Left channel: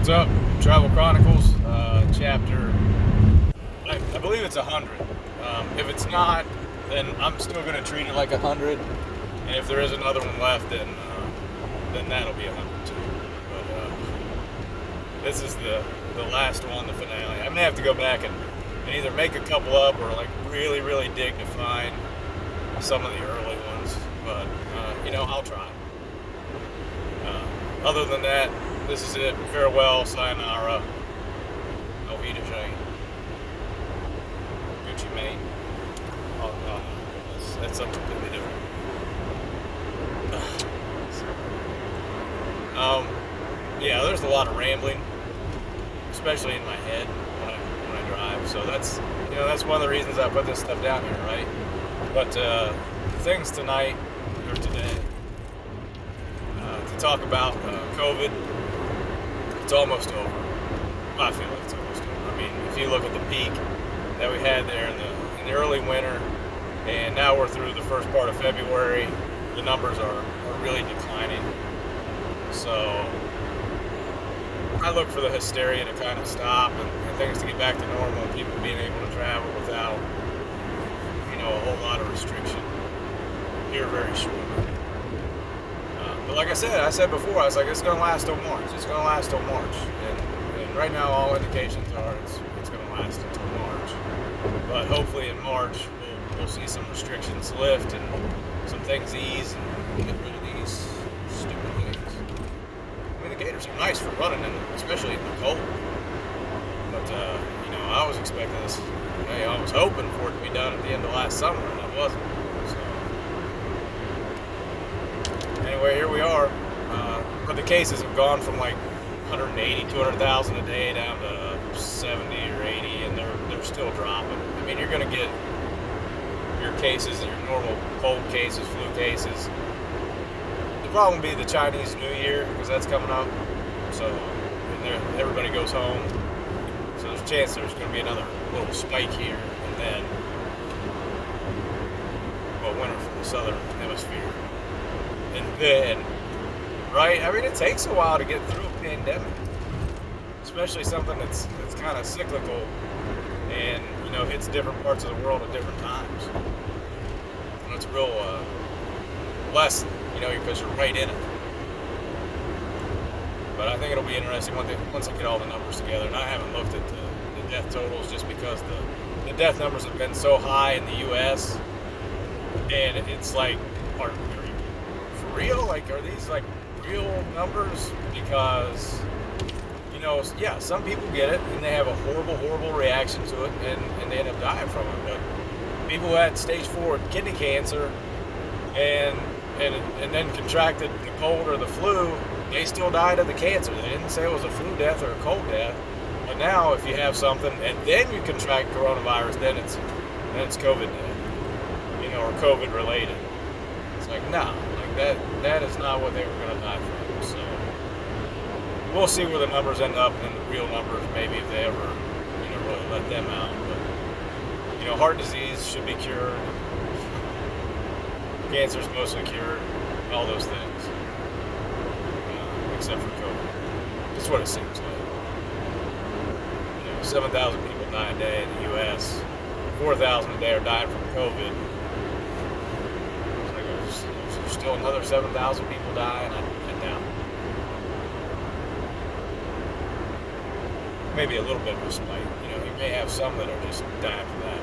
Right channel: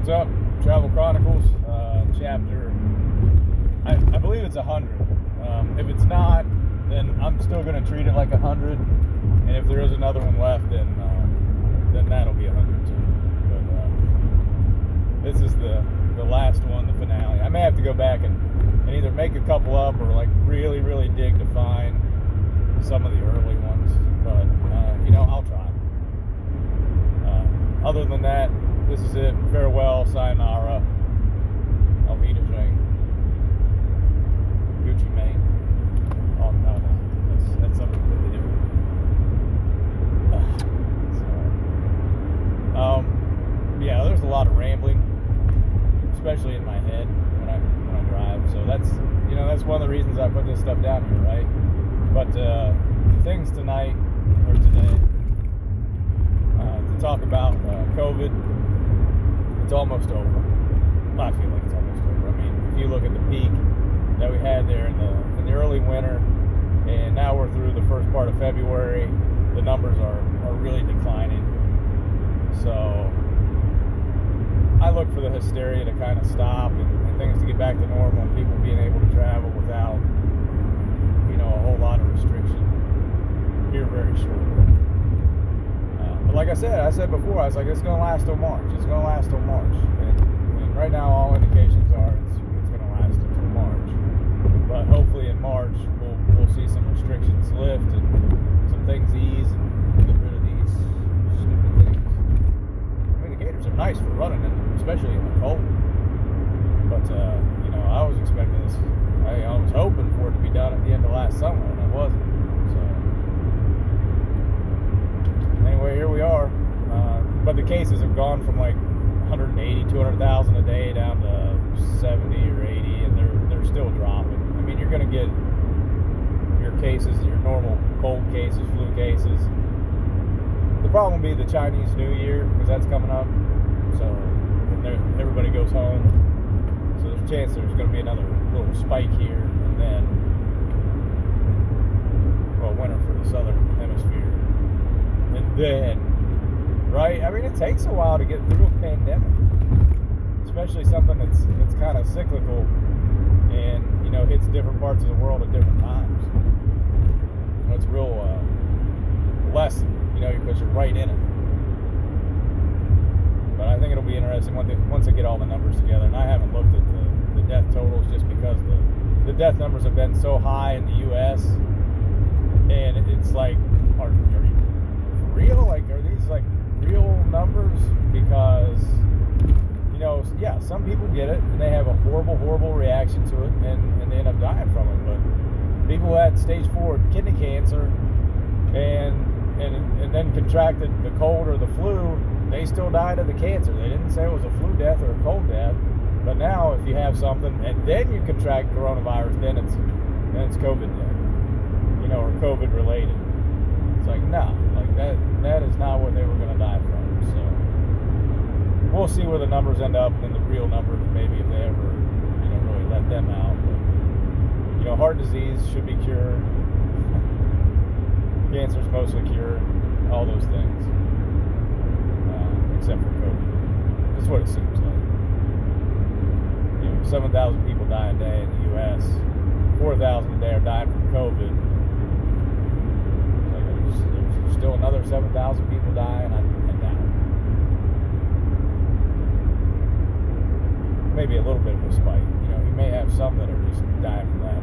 What's up? Travel Chronicles, chapter, I believe it's 100. If it's not, then I'm still going to treat it like 100. And if there is another one left, then that'll be 100 too. But this is the last one, the finale. I may have to go back and either make a couple up or like really dig to find some of the early ones. But, I'll try. Other than that, this is it. Farewell, sayonara, auf Wiedersehen, Gucci Mane. Oh, no. That's something completely different. There's a lot of rambling, especially in my head when I drive. So that's one of the reasons I put this stuff down here, right? But things tonight or today to talk about COVID. It's almost over. I feel like it's almost over. I mean, if you look at the peak that we had there in the early winter, and now we're through the first part of February, the numbers are really declining. So I look for the hysteria to kind of stop and things to get back to normal and people being able to travel without, a whole lot of restriction here very shortly. But like I said before, I was like, it's going to last till March. It's going to last till March. And right now, all indications are it's going to last until March. But hopefully in March, we'll see some restrictions lift and some things ease and get rid of these stupid things. I mean, the gators are nice for running, especially in the cold. But, I was expecting this. I was hoping for it to be done at the end of last summer, and it wasn't. Anyway, here we are. But the cases have gone from like 180, 200,000 a day down to 70 or 80, and they're still dropping. I mean, you're going to get your cases, your normal cold cases, flu cases. The problem will be the Chinese New Year, because that's coming up. So everybody goes home. So there's a chance there's going to be another little spike here, and then, winter for the southern hemisphere. And then, right? I mean, it takes a while to get through a pandemic, especially something that's kind of cyclical and, hits different parts of the world at different times. And it's real lesson, because you're right in it. But I think it'll be interesting once I get all the numbers together. And I haven't looked at the death totals just because the death numbers have been so high in the U.S. And it's like, are you for real? Like, are these like real numbers? Because, some people get it and they have a horrible reaction to it and they end up dying from it. But people who had stage 4 kidney cancer and then contracted the cold or the flu, they still died of the cancer. They didn't say it was a flu death or a cold death. But now if you have something and then you contract coronavirus, then it's COVID death, or COVID related. It's like, no, like that is not what they were going to die from. So we'll see where the numbers end up and the real numbers, maybe if they ever, really let them out. But, heart disease should be cured. Cancer's mostly cured. All those things. Except for COVID. That's what it seems like. 7,000 people die a day in the U.S. 4,000 a day are dying from COVID. It's like there's still another 7,000 people dying. I doubt. Maybe a little bit of a spike. You may have some that are just dying from that.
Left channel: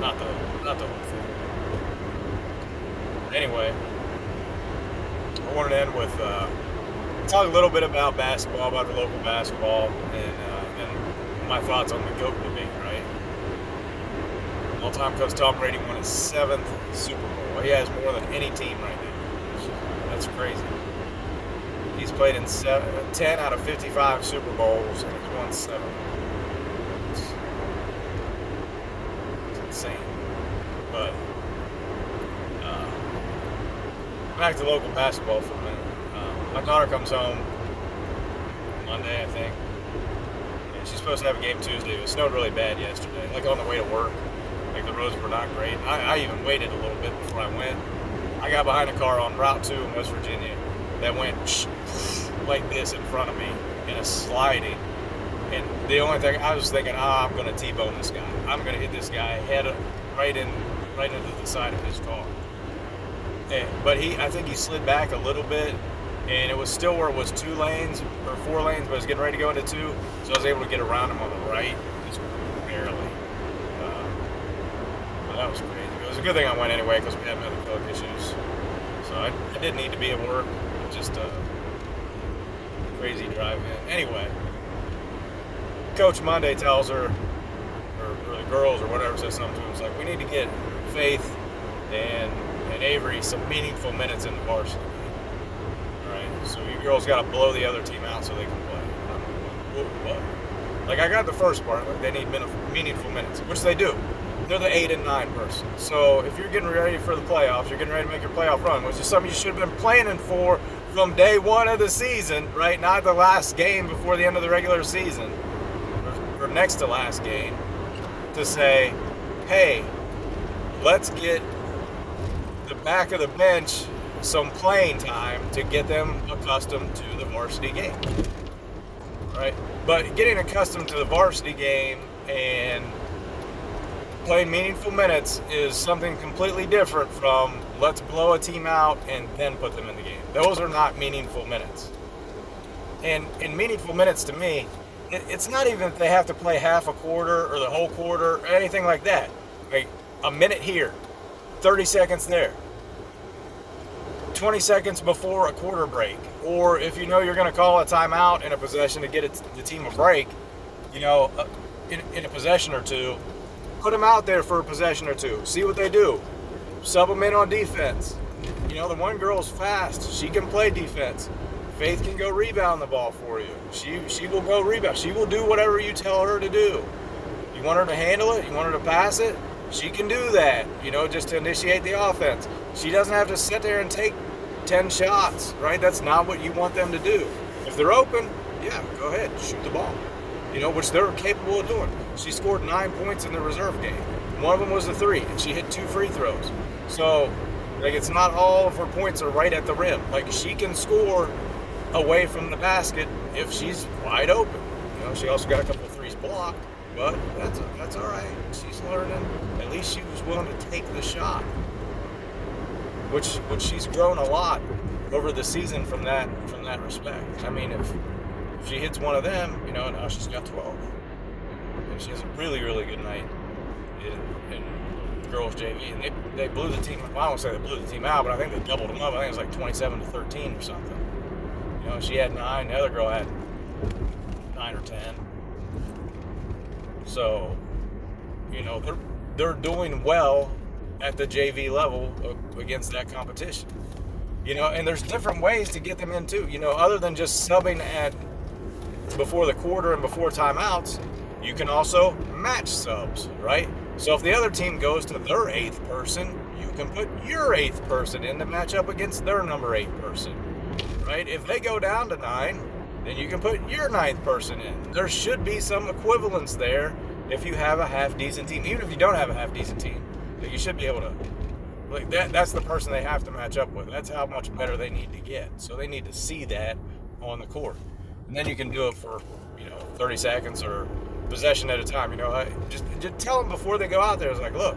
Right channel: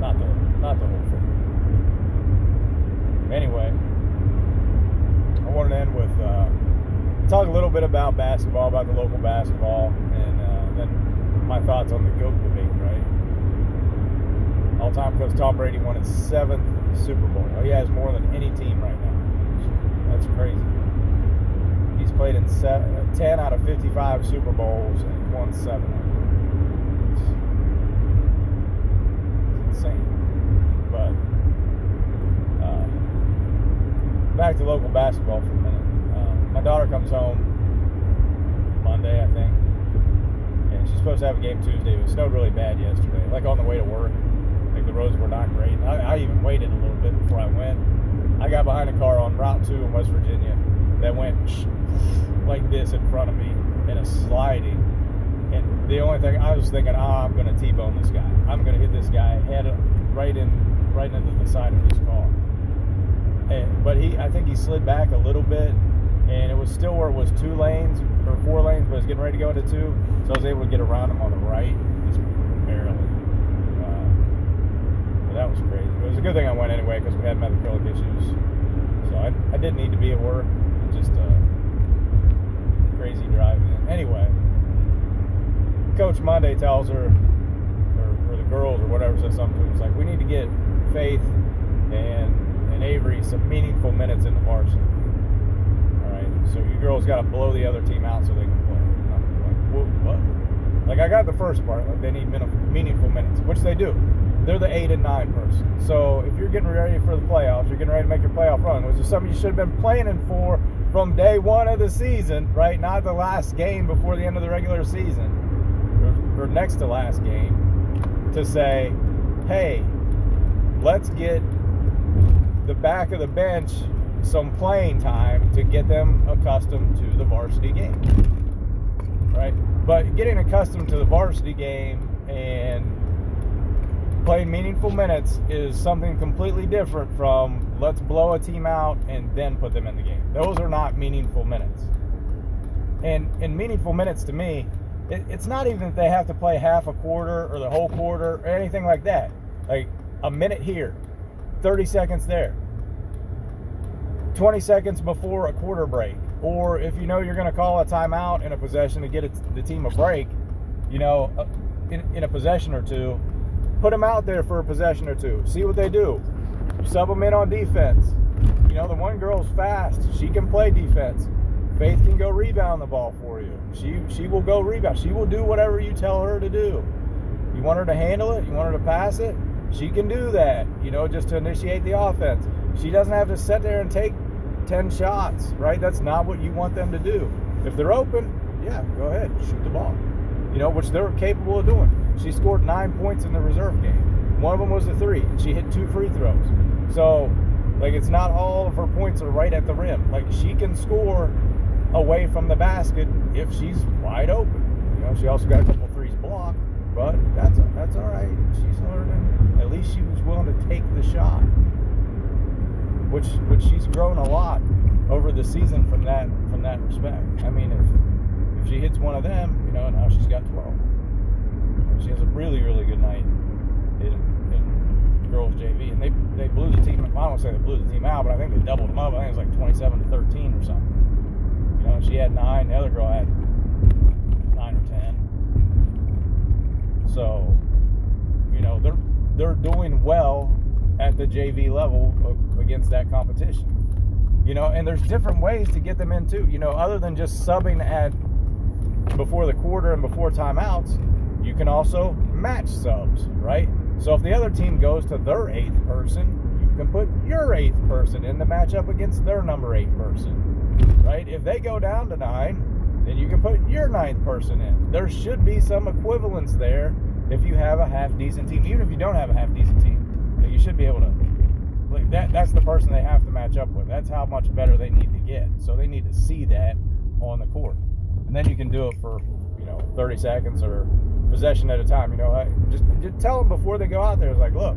Not the whole thing. Anyway, I wanted to end with talk a little bit about basketball, about the local basketball, and then my thoughts on the GOAT debate, right? All-time coach Tom Brady won his 7th Super Bowl. He has more than any team right now. That's crazy. He's played in 10 out of 55 Super Bowls, and he's won 7. It's insane. But back to local basketball for a minute. My daughter comes home Monday, I think. And she's supposed to have a game Tuesday. It snowed really bad yesterday, like on the way to work. Like the roads were not great. I even waited a little bit before I went. I got behind a car on Route 2 in West Virginia that went like this in front of me and it's sliding. And the only thing I was thinking, I'm going to T-bone this guy. I'm going to hit this guy head right into the side of his car. But I think he slid back a little bit, and it was still where it was 2 lanes or 4 lanes, but it was getting ready to go into 2. So I was able to get around him on the right, just barely. But that was crazy. It was a good thing I went anyway because we had metabolic issues. So I didn't need to be at work. Just a crazy drive in. Anyway, Coach Monday tells her, or the girls or whatever, says something to him. It's like, we need to get Faith and Avery some meaningful minutes in the varsity. All right, so you girls got to blow the other team out so they can play. I'm like, what? Like, I got the first part. Like, they need meaningful minutes, which they do. They're the 8 and 9 person. So if you're getting ready for the playoffs, you're getting ready to make your playoff run, which is something you should have been planning for from day 1 of the season, right? Not the last game before the end of the regular season, or next to last game, to say, hey, let's get the back of the bench some playing time to get them accustomed to the varsity game, right? But getting accustomed to the varsity game and playing meaningful minutes is something completely different from let's blow a team out and then put them in the game. Those are not meaningful minutes. And meaningful minutes to me, it's not even that they have to play half a quarter or the whole quarter or anything like that. Like a minute here, 30 seconds there, 20 seconds before a quarter break. Or if you know you're going to call a timeout in a possession to get the team a break, you know, in a possession or two, put them out there for a possession or two. See what they do. Sub them in on defense. You know, the one girl's fast. She can play defense. Faith can go rebound the ball for you. She will go rebound. She will do whatever you tell her to do. You want her to handle it? You want her to pass it? She can do that, you know, just to initiate the offense. She doesn't have to sit there and take 10 shots, right? That's not what you want them to do. If they're open, yeah, go ahead, shoot the ball, you know, which they're capable of doing. She scored 9 points in the reserve game. One of them was a 3, and she hit 2 free throws. So, like, it's not all of her points are right at the rim. Like, she can score away from the basket if she's wide open. You know, she also got a couple of threes blocked, but that's all right. She's learning. At least she was willing to take the shot, which she's grown a lot over the season from that respect. I mean, if she hits one of them, you know, now she's got 12. And she has a really, really good night in girls JV, and they blew the team. Well, I won't say they blew the team out, but I think they doubled them up. I think it was like 27-13 or something. You know, she had 9, the other girl had 9 or 10. So, you know, they're doing well at the JV level against that competition. You know, and there's different ways to get them in too. You know, other than just subbing at before the quarter and before timeouts, you can also match subs, right? So if the other team goes to their 8th person, you can put your 8th person in to match up against their number 8 person. Right? If they go down to 9, then you can put your 9th person in. There should be some equivalence there if you have a half-decent team. Even if you don't have a half-decent team, that you should be able to, like, that's the person they have to match up with. That's how much better they need to get. So they need to see that on the court. And then you can do it for, you know, 30 seconds or possession at a time. You know, just tell them before they go out there. It's like, look,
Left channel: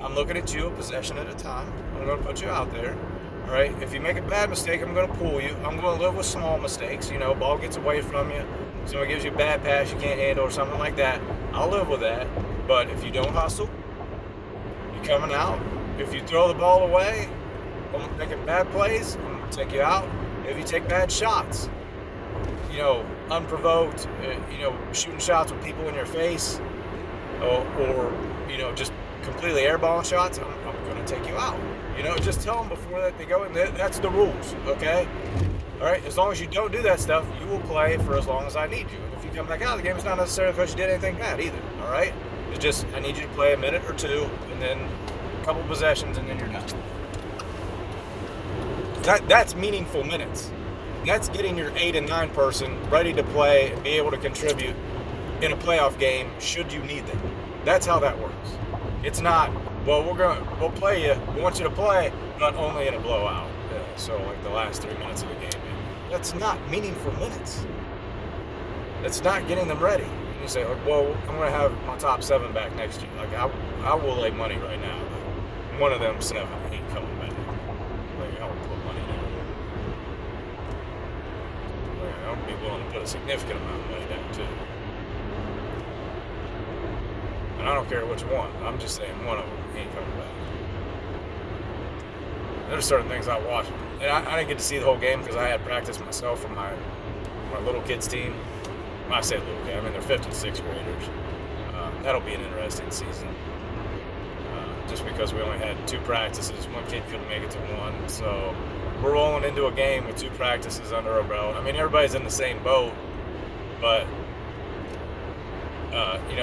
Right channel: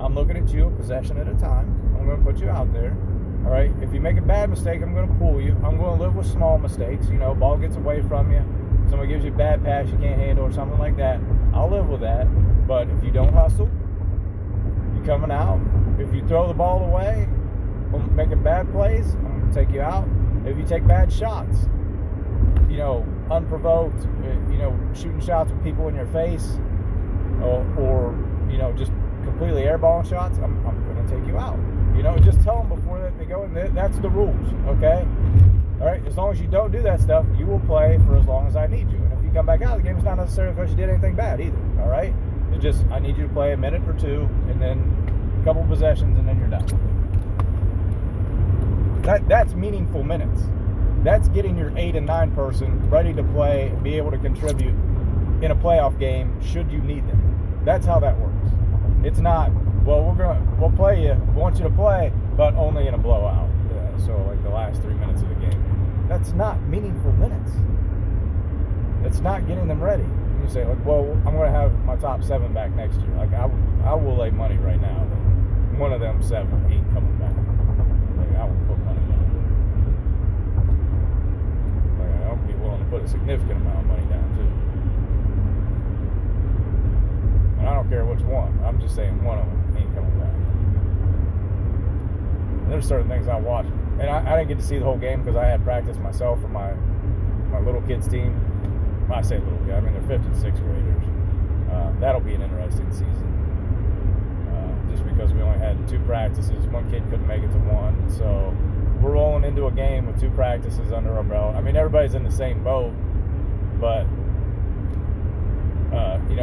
I'm looking at you a possession at a time. I'm going to put you out there. All right, if you make a bad mistake, I'm going to pull you. I'm going to live with small mistakes. You know, ball gets away from you. Somebody gives you a bad pass you can't handle or something like that. I'll live with that. But if you don't hustle, you're coming out. If you throw the ball away, I'm making bad plays, I'm going to take you out. If you take bad shots, you know, unprovoked, you know, shooting shots with people in your face, or you know, just completely airballing shots, I'm going to take you out. You know, just tell them before that they go in. That's the rules, okay? All right, as long as you don't do that stuff, you will play for as long as I need you. And if you come back out of the game, it's not necessarily because you did anything bad either, all right? It's just I need you to play a minute or two, and then a couple possessions, and then you're done. That's meaningful minutes. That's getting your 8 and 9 person ready to play and be able to contribute in a playoff game should you need them. That's how that works. It's not, well, we'll play you. We want you to play, but only in a blowout. So like the last 3 minutes of the game. That's not meaningful minutes. It's not getting them ready. And you say, like, well, I'm going to have my top 7 back next year. Like, I will lay money right now that one of them 7 ain't coming back. Like, I would put money down. Like, I would be willing to put a significant amount of money down, too. And I don't care which one. I'm just saying one of them ain't coming back. There's certain things I watch. And I didn't get to see the whole game because I had practice myself for my little kids team. When I say little kid, I mean they're 5th and 6th graders. That'll be an interesting season. Just because we only had 2 practices. One kid couldn't make it to one. So we're rolling into a game with 2 practices under our belt. I mean, everybody's in the same boat. But,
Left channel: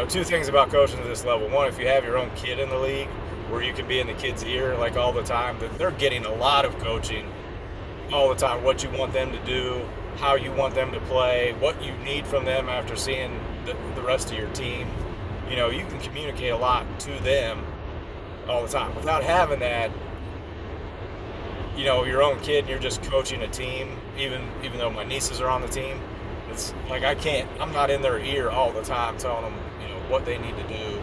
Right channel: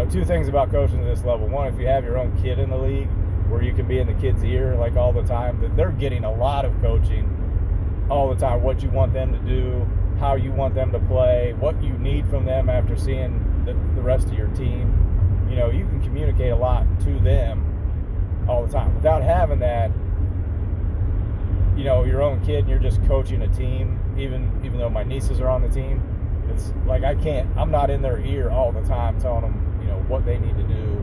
2 things about coaching at this level. One, if you have your own kid in the league where you can be in the kid's ear like all the time, they're getting a lot of coaching all the time. What you want them to do, how you want them to play, what you need from them after seeing the rest of your team. You can communicate a lot to them all the time. Without having that, your own kid and you're just coaching a team, even though my nieces are on the team, it's like I'm not in their ear all the time telling them, what they need to do.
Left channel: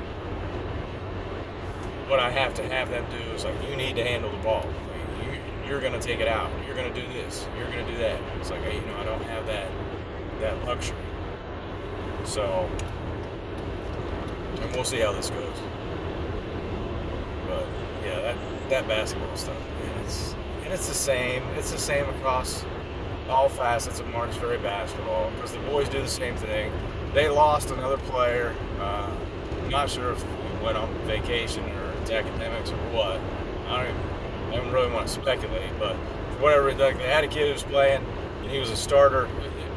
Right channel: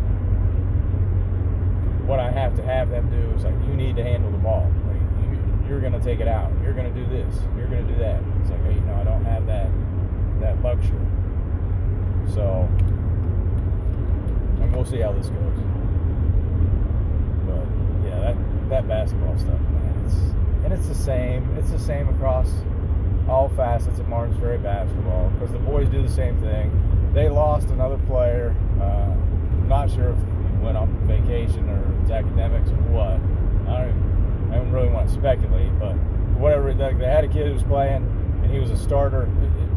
What I have to have them do is like, you need to handle the ball. Like, you're going to take it out. You're going to do this. You're going to do that. It's like, hey, I don't have that luxury. So, and we'll see how this goes. But yeah, that basketball stuff, man, it's the same. It's the same across all facets of Martins Ferry basketball because the boys do the same thing. They lost another player. Not sure if he went on vacation or it's academics or what. I don't really want to speculate, but whatever, like they had a kid who was playing and he was a starter,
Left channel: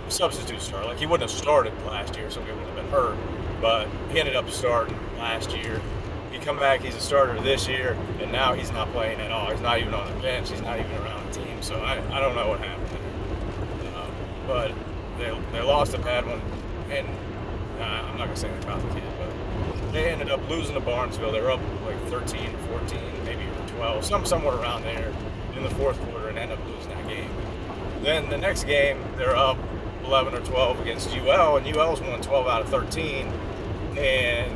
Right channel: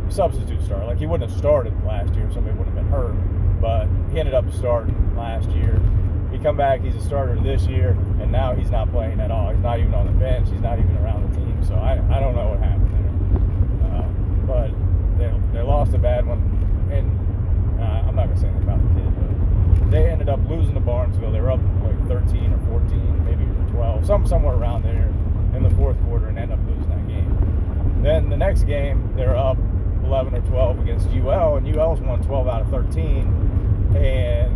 substitute starter. Like he wouldn't have started last year, somebody would have been hurt, but he ended up starting last year. He come back, he's a starter this year, and now he's not playing at all. He's not even on the bench. He's not even around the team. So I don't know what happened there. But they lost a bad one, and I'm not going to say anything about the kid, but they ended up losing to Barnesville. They were up like 13 or 14, maybe even 12, somewhere around there in the fourth quarter, and ended up losing that game. Then the next game, they're up 11 or 12 against UL, and UL's won 12 out of 13, and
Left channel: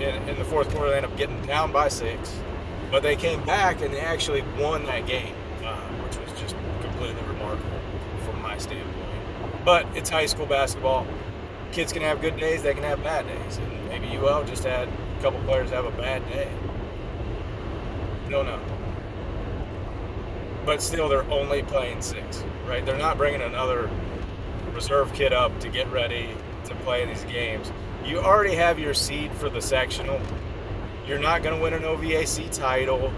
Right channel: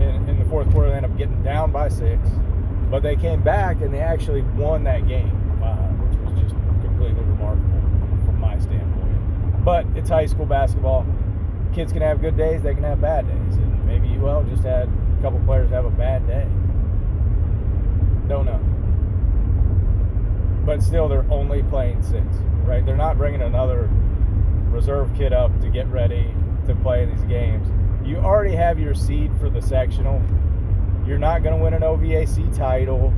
in the fourth quarter, they ended up getting down by 6, but they came back and they actually won that game, which was just completely remarkable from my standpoint. But it's high school basketball. Kids can have good days, they can have bad days, and maybe UL just had a couple players have a bad day. Don't know. But still, they're only playing 6, right? They're not bringing another reserve kid up to get ready to play in these games. You already have your seed for the sectional. You're not going to win an OVAC title.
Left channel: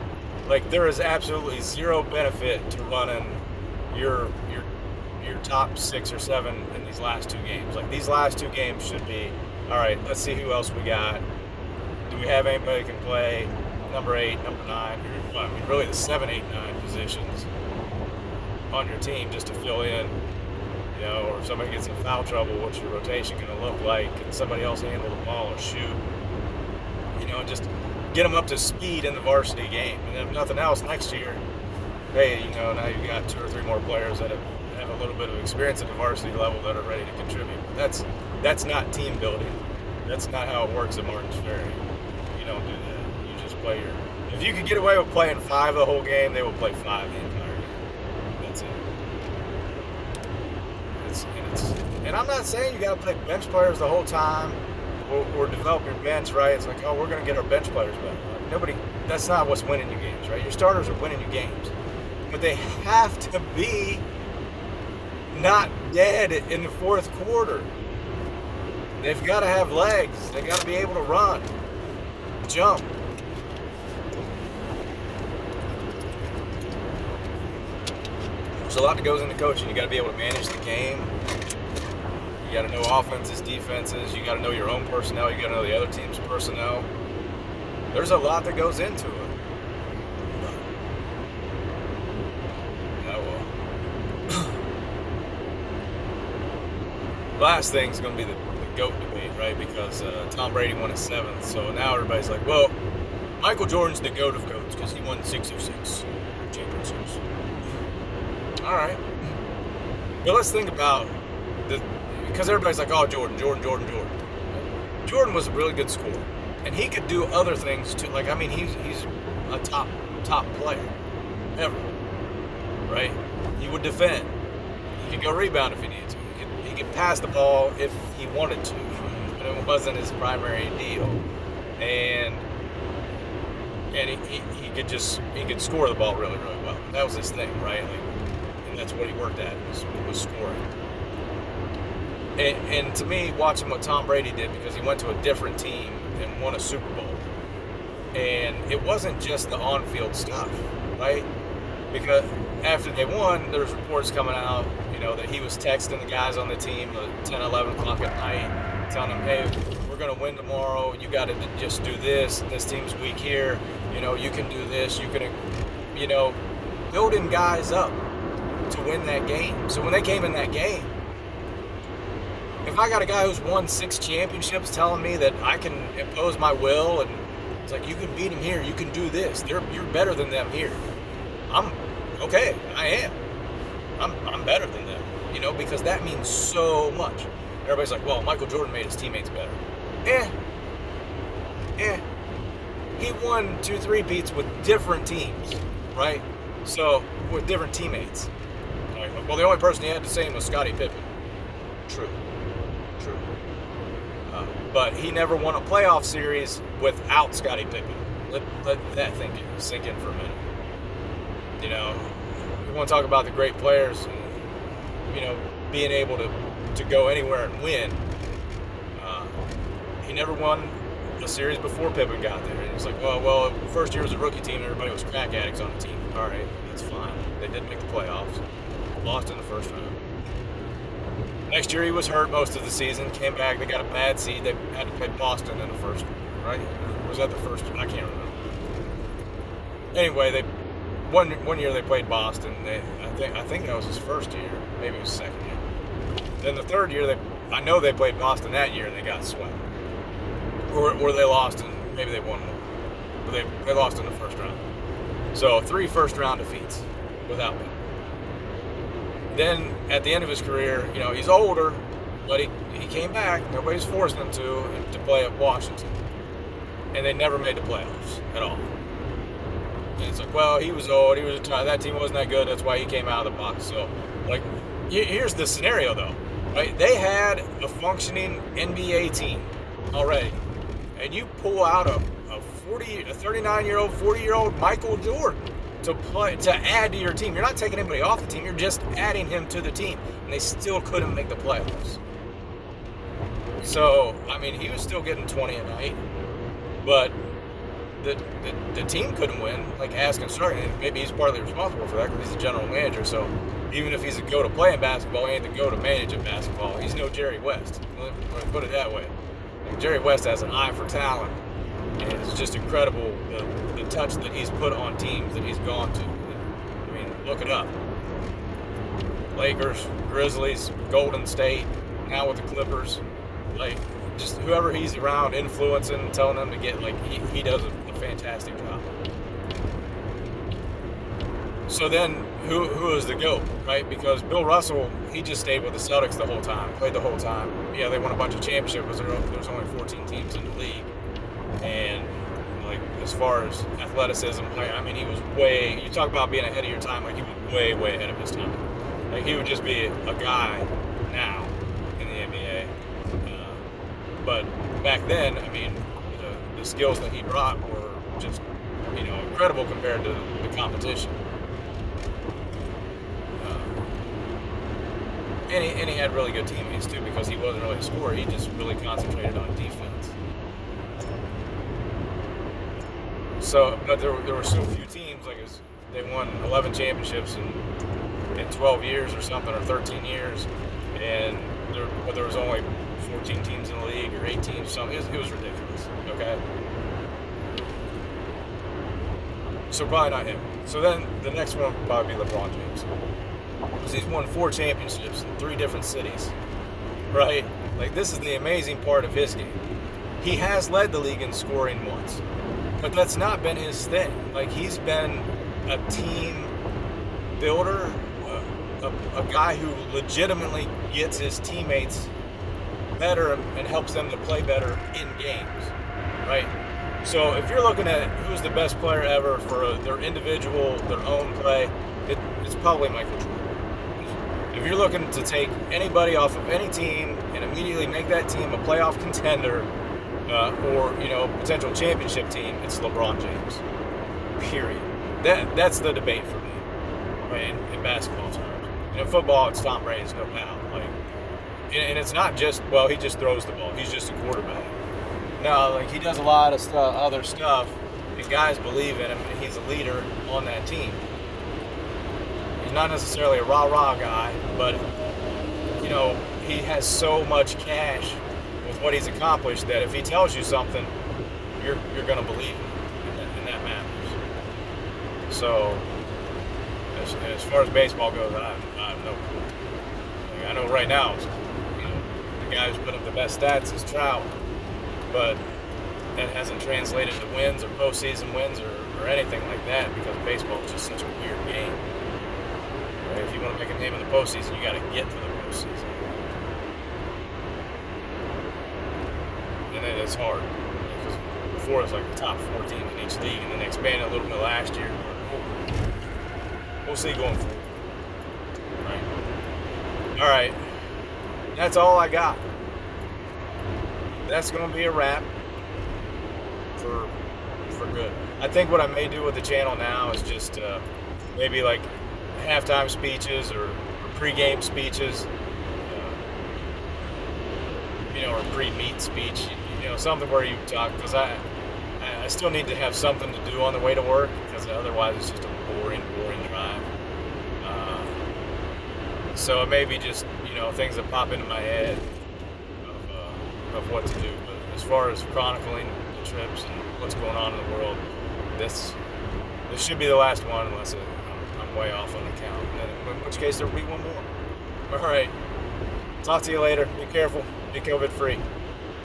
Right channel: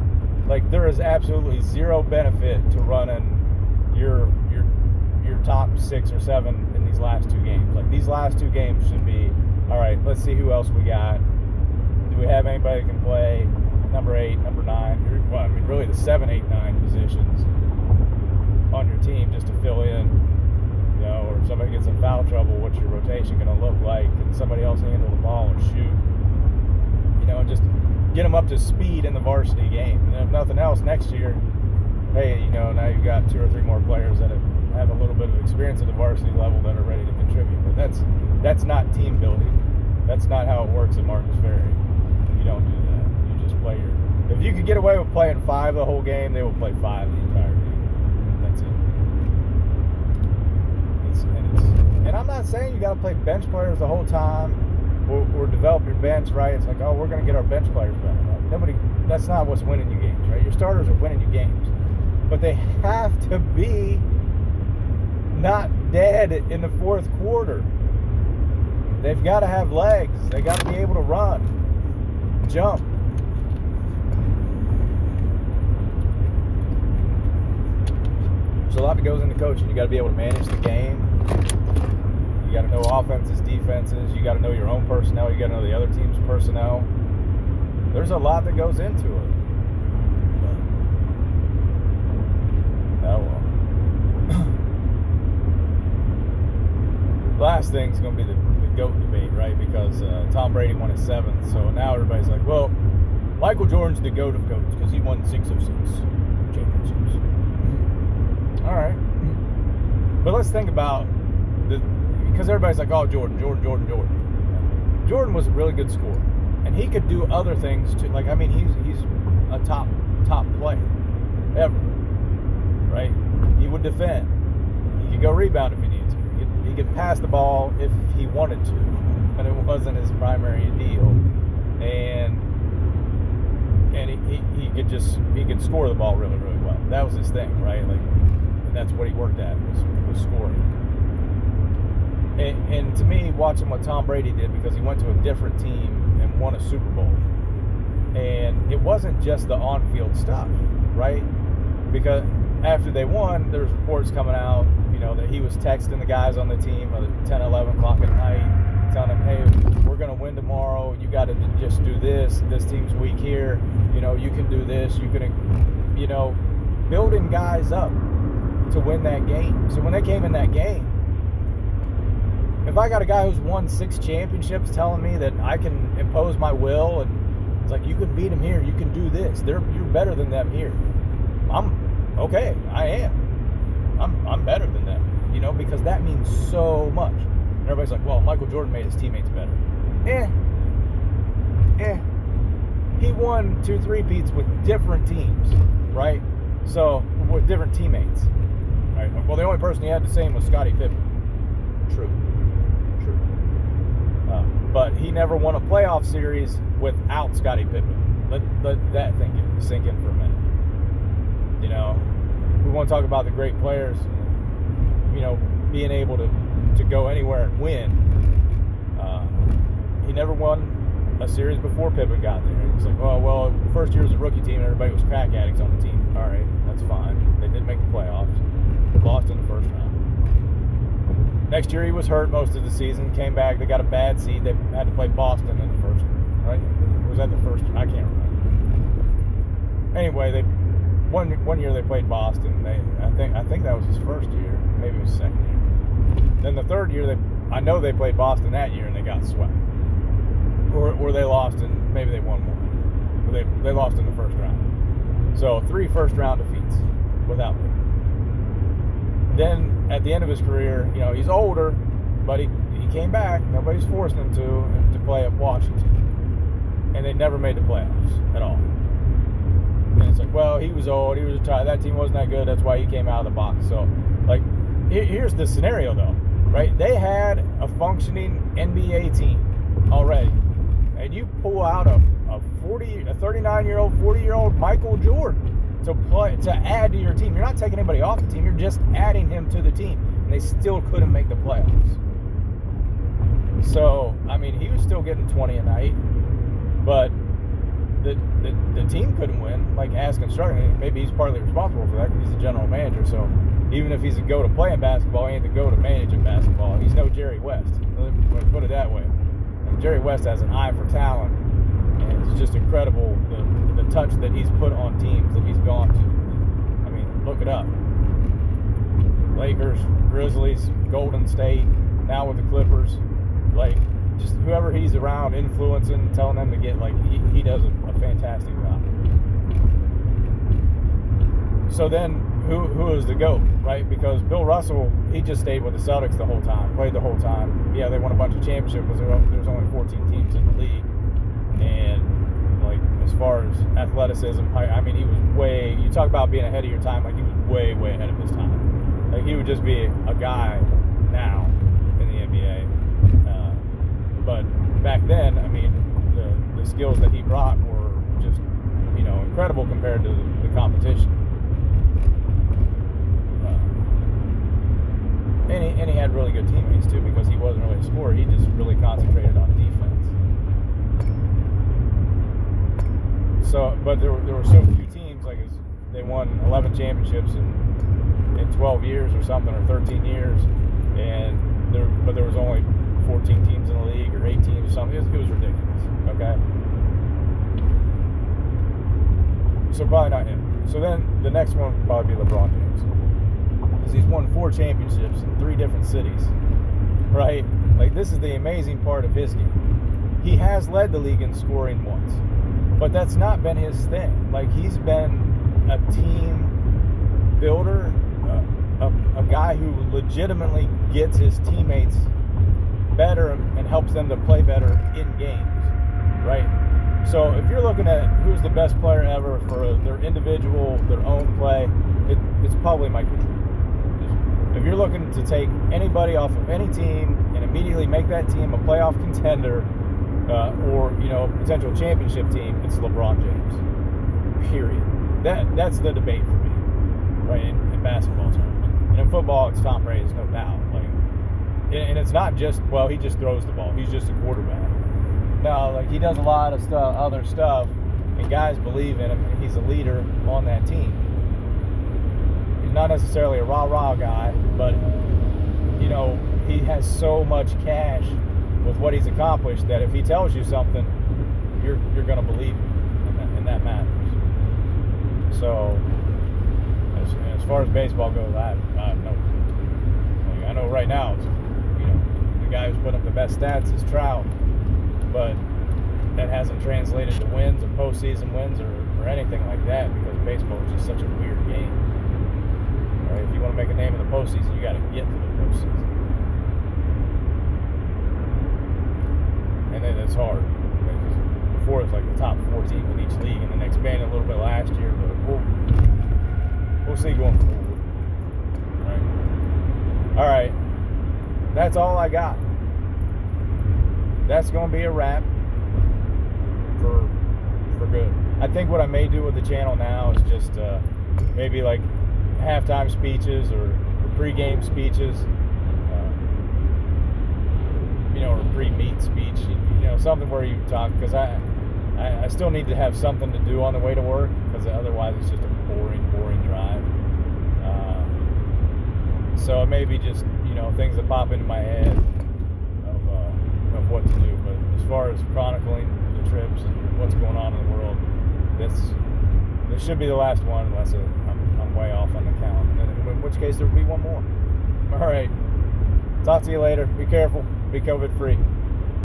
Like, there is absolutely zero benefit to running your top 6 or 7 in these last 2 games. Like, these last 2 games should be, all right, let's see who else we got. Do we have anybody who can play number 8, number 9? Well, I mean, really the 7, 8, 9 positions on your team just to fill in. Or if somebody gets in foul trouble, what's your rotation going to look like? Can somebody else handle the ball or shoot? Just get them up to speed in the varsity game. And if nothing else, next year, hey, now you've got 2 or 3 more players that have a little bit of experience at the varsity level that are ready to contribute. But that's not team building. That's not how it works at Martins Ferry. You don't do that. You just play if you could get away with playing 5 the whole game, they will play 5 the entire game. That's it. And I'm not saying you got to play bench players the whole time or develop your bench, right? It's like, oh, we're going to get our bench players better. That's not what's winning you games, right? Your starters are winning you games. But they have to be not dead in the fourth quarter. They've got to have legs. They got to be able to run, jump. There's a lot that goes into coaching. You got to be able to manage the game. You got to know offenses, defenses. You got to know your own personnel. You got to know the other team's personnel. There's a lot that goes into it. Oh well. Last thing's going to be the GOAT debate, right? Because Tom Brady won his 7th. So now everybody's like, well, Michael Jordan's the GOAT of GOATs because he won 6 of 6 championships. All right. But let's think about because everybody's like, oh, Jordan. Jordan was a really good scorer, and he could do other things too. Like, I mean, he's a top player ever, right? He would defend. He could go rebound if he needed to. He could pass the ball if he wanted to, but it wasn't his primary deal. And he could score the ball really, really well. That was his thing, right? Like, and that's what he worked at was scoring. And to me, watching what Tom Brady did, because he went to a different team and won a Super Bowl, and it wasn't just the on-field stuff, right? Because after they won, there was reports coming out, that he was texting the guys on the team at 10, 11 o'clock at night, telling them, hey, we're going to win tomorrow. You got to just do this. This team's weak here. You can do this. You can, building guys up to win that game. So when they came in that game, if I got a guy who's won 6 championships telling me that I can impose my will, and it's like, you can beat him here, you can do this, you're better than them here. I'm okay. I am. I'm better than them, because that means so much. And everybody's like, well, Michael Jordan made his teammates better. He won 2 3-peats with different teams, right? So, with different teammates. Right? Well, the only person he had the same was Scottie Pippen. True. But he never won a playoff series without Scottie Pippen. Let that sink in for a minute. We want to talk about the great players, being able to go anywhere and win. He never won a series before Pippen got there. And it's like, oh, well, first year was a rookie team, everybody was crack addicts on the team. All right, that's fine. They did make the playoffs. Lost in the first round. Next year he was hurt most of the season, came back, they got a bad seed, they had to play Boston in the first, right? Was that the first? I can't remember. Anyway, one year they played Boston. I think that was his first year, maybe it was his second year. Then the third year, I know they played Boston that year and they got swept. Or they lost and maybe they won more. But they lost in the first round. So 3 first round defeats without them. Then at the end of his career, he's older, but he came back. Nobody's forcing him to play at Washington. And they never made the playoffs at all. And it's like, well, he was old, he was retired, that team wasn't that good, that's why he came out of the box. So, like, here's the scenario, though, right? They had a functioning NBA team already. And you pull out a 39-year-old, 40-year-old Michael Jordan to add to your team. You're not taking anybody off the team. You're just adding him to the team. And they still couldn't make the playoffs. So, I mean, he was still getting 20 a night. But the team couldn't win, like as constructed. And maybe he's partly responsible for that because he's the general manager. So even if he's a go to play in basketball, he ain't the go to manage in basketball. He's no Jerry West. Let me put it that way. Like Jerry West has an eye for talent. And it's just incredible the touch that he's put on teams that he's gone to. I mean, look it up. Lakers, Grizzlies, Golden State, now with the Clippers. Like, just whoever he's around influencing, telling them to get, like, he does a fantastic job. So then, who is the GOAT, right? Because Bill Russell, he just stayed with the Celtics the whole time, played the whole time. Yeah, they won a bunch of championships, but there's only 14 teams in the league. And, like, as far as athleticism, I mean, he was you talk about being ahead of your time, like, he was way, way ahead of his time. Like, he would just be a guy now in the NBA. But back then, I mean, the skills that he brought were just, incredible compared to the competition. And he had really good teammates, too, because he wasn't really a scorer. He just really concentrated on defense. So, but there were so few teams, like they won 11 championships in 12 years or something, or 13 years, but there was only 14 teams in the league, or 8 teams, or something. It was ridiculous, okay? So probably not him. So then the next one would probably be LeBron James. Because he's won 4 championships in 3 different cities, right? Like, this is the amazing part of his game. He has led the league in scoring once, but that's not been his thing. Like, he's been a team builder, a guy who legitimately gets his teammates better and helps them to play better in games, right? So if you're looking at who's the best player ever for their individual, their own play, it's probably Michael Jordan. If you're looking to take anybody off of any team and immediately make that team a playoff contender or potential championship team, it's LeBron James. Period. That's the debate for me, right? In basketball terms. And in football, it's Tom Brady, it's no doubt. And it's not just, he just throws the ball. He's just a quarterback. No, he does a lot of other stuff, and guys believe in him, and he's a leader on that team. He's not necessarily a rah-rah guy, but, he has so much cash with what he's accomplished that if he tells you something, you're going to believe him, and that matters. So, as far as baseball goes, I have no clue. I know right now, the guy who's put up the best stats is Trout, but that hasn't translated to wins or postseason wins or anything like that because baseball is just such a weird game. Right? If you want to make a name in the postseason, you got to get to the postseason. And then it's hard because before it's the top 4 teams in each league, and then they expanded a little bit last year. But we'll see going forward. Right? All right. That's all I got. That's going to be a wrap for good. I think what I may do with the channel now is just maybe halftime speeches or pre-game speeches, or pre-meet speech, something where you talk, because I still need to have something to do on the way to work, because otherwise it's just a boring drive. So it may be just, things that pop into my head of what to do. But as far as chronicling the trips and what's going on in the world, this should be the last one unless I'm way off on the count. In which case there will be one more. All right. Talk to you later. Be careful. Be COVID free.